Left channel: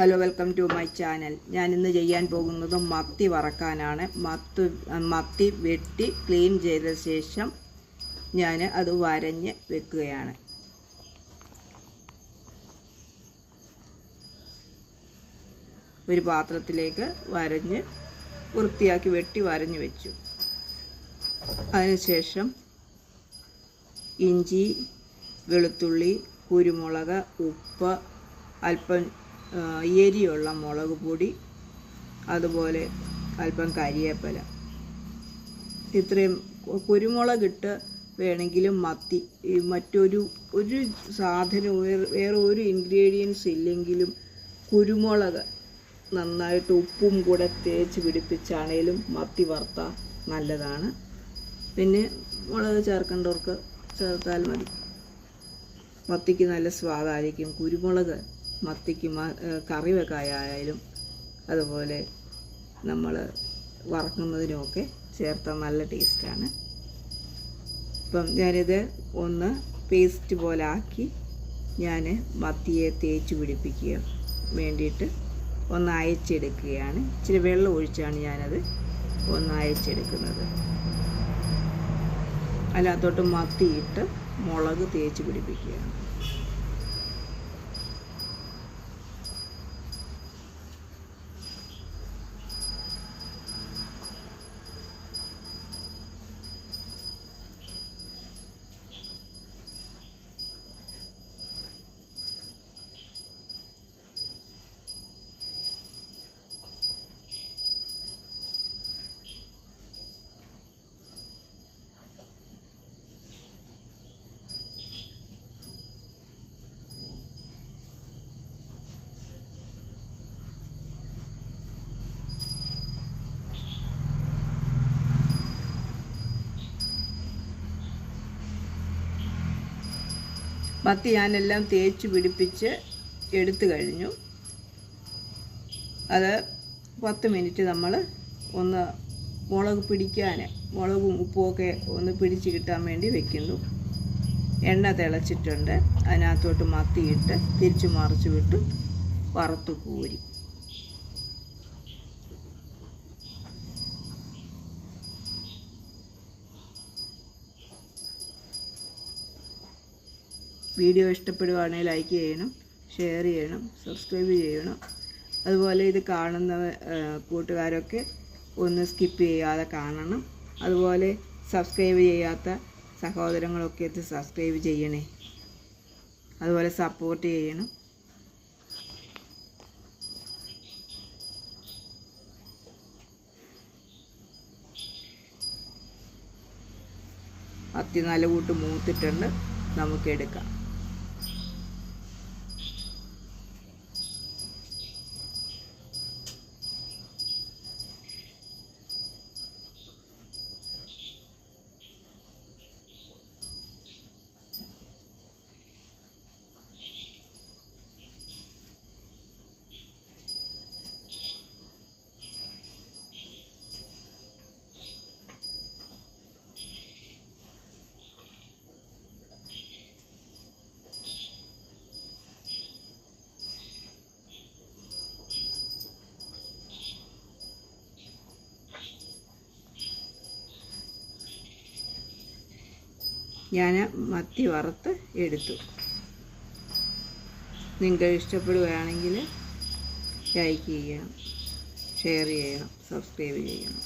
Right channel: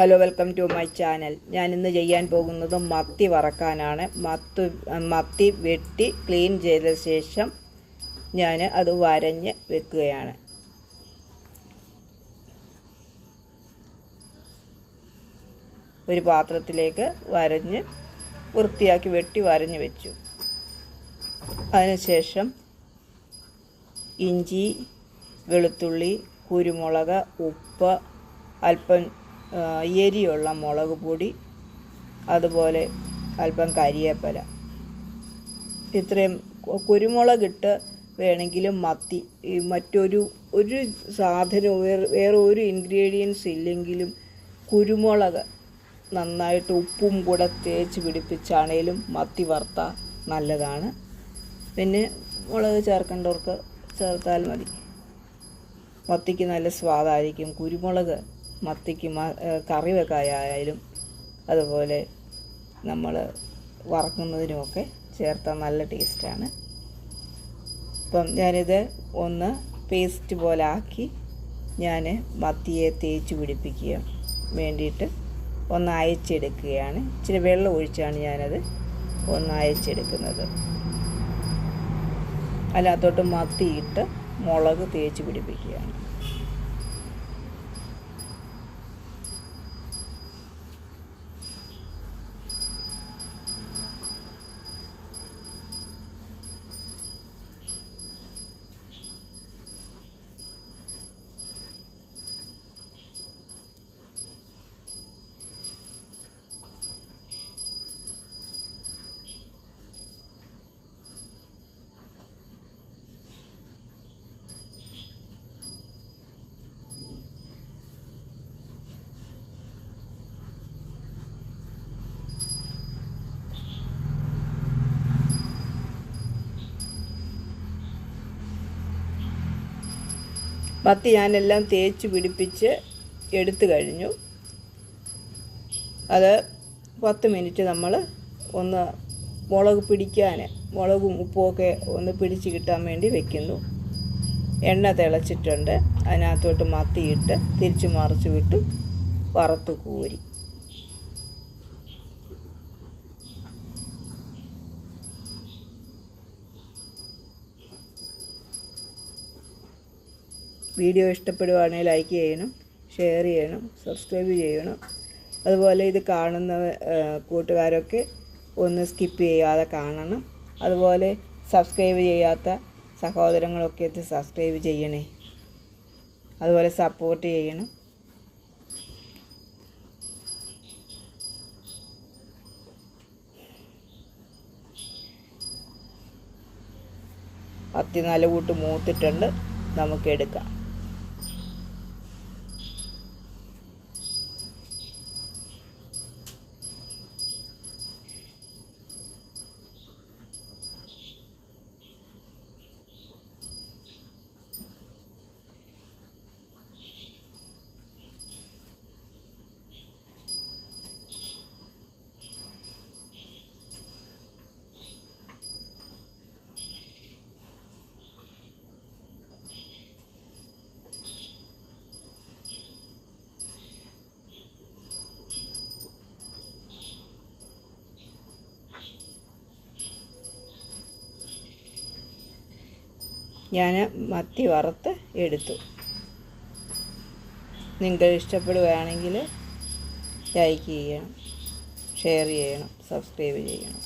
Hello, welcome to my channel. ഞാൻ ഇന്ന് ചെയ്യാൻ പോകുന്നത് മത്തി വറക്കാനാണ്. മത്തി വെട്ടി ക്ലീൻ ചെയ്ത ശേഷം ഞാൻ അത് വരഞ്ഞ് വെക്കുകയാണ്. ഒരു പാത്രത്തിലേക്ക് വൃത്തിയാക്കി വെട്ടി വരഞ്ഞ് വെച്ചു. അതിനുശേഷം ഇഞ്ചി, വെളുത്തുള്ളി, കുരുമുളക്, ഉപ്പ്, അല്പം എരിയുള്ള മുളക് പൊടി, അതുപോലെ അല്പം കരിയേപ്പില. ഇത്രയും കുരുമുളകിട്ട് വേണമെങ്കിലും മറ്റൊരു സാധനവും വേറെ ഒരു ഇൻഗ്രീഡിയൻസ് ഇല്ലെങ്കിലും കുരുമുളക് നന്നായിട്ട് ഉപ്പും കൂടെ തേച്ച് പിടിപ്പിച്ചാണേലും മത്തി വറുത്താൽ നല്ലതാണ്. പിന്നെ മുളക് ചേർക്കേണ്ടവർക്ക് ചേർത്താൽ മതി. മത്തിക്ക് നല്ല സ്വാദായിരിക്കും. കുരുമുളക് മത്തിക്ക് കറി വെക്കായാലും അതുപോലെ നമ്മൾ വറക്കുന്നതിനുമൊക്കെ ചേർത്താൽ നല്ല ടേസ്റ്റാണ്. അപ്പം ഞാനിത് ഒന്ന് പേസ്റ്റ് പോലെ ആക്കി ഞാൻ മത്തിയെ തേച്ച് പിടിപ്പിക്കുക വേണ്ടിയിട്ട് ഒന്ന് അയച്ചെടുക്കുകയാണ്. ഇച്ചിരി വെള്ളം ഒഴിച്ചാണ് ഞാനത് ഒന്ന് അയച്ചെടുക്കുന്നത്. അതിനകത്തോട്ട് മത്തിയിട്ട് മുളക് തേച്ച് പിടിപ്പിക്കുകയാണ്. മത്തി ഞാനെല്ലാം തേച്ച് പിടിപ്പിച്ച് എടുത്തു കഴിഞ്ഞു. അത് 10 മിനിറ്റ് നമ്മൾ ഒന്ന് മുളകും ഉപ്പുമൊക്കെ ഒന്ന് പിടിച്ച് കിട്ടാൻ വേണ്ടി വെക്കുന്നു. എണ്ണ തിളച്ചിട്ടുണ്ട്. അതിനകത്തോട്ട് മത്തിയിട്ട് തിരിച്ചു മറിച്ച് വിട്ട് വറുത്ത് കോരി. വീഡിയോ ഇഷ്ടപ്പെടുവാണെങ്കിൽ ലൈക്ക് ചെയ്യണം, ഷെയർ ചെയ്യണം, സബ്സ്ക്രൈബ് ചെയ്യണം. അതുപോലെ ഇത് കാണുന്ന കൂട്ടുകാരൊക്കെ ഒന്ന് സ്കിപ്പ് ചെയ്യാതെ കാണണം. അതുപോലെ സബ്സ്ക്രൈബ് ചെയ്യാത്ത സഹോദരങ്ങളൊക്കെ ഇത് സബ്സ്ക്രൈബ് ചെയ്യണേ. അതുപോലെ സപ്പോർട്ട് ചെയ്യണം. മത്തി നല്ല കൂട്ട് മൂത്തിട്ടുണ്ട്. നമുക്കെടുക്കാം. ഞാൻ മത്തി വറുത്ത് എടുത്തു. നിങ്ങൾക്ക് ഇഷ്ടപ്പെടുകയാണെങ്കിൽ ലൈക്ക് ചെയ്യണം, ഷെയർ ചെയ്യണം, സബ്സ്ക്രൈബ് ചെയ്യണം.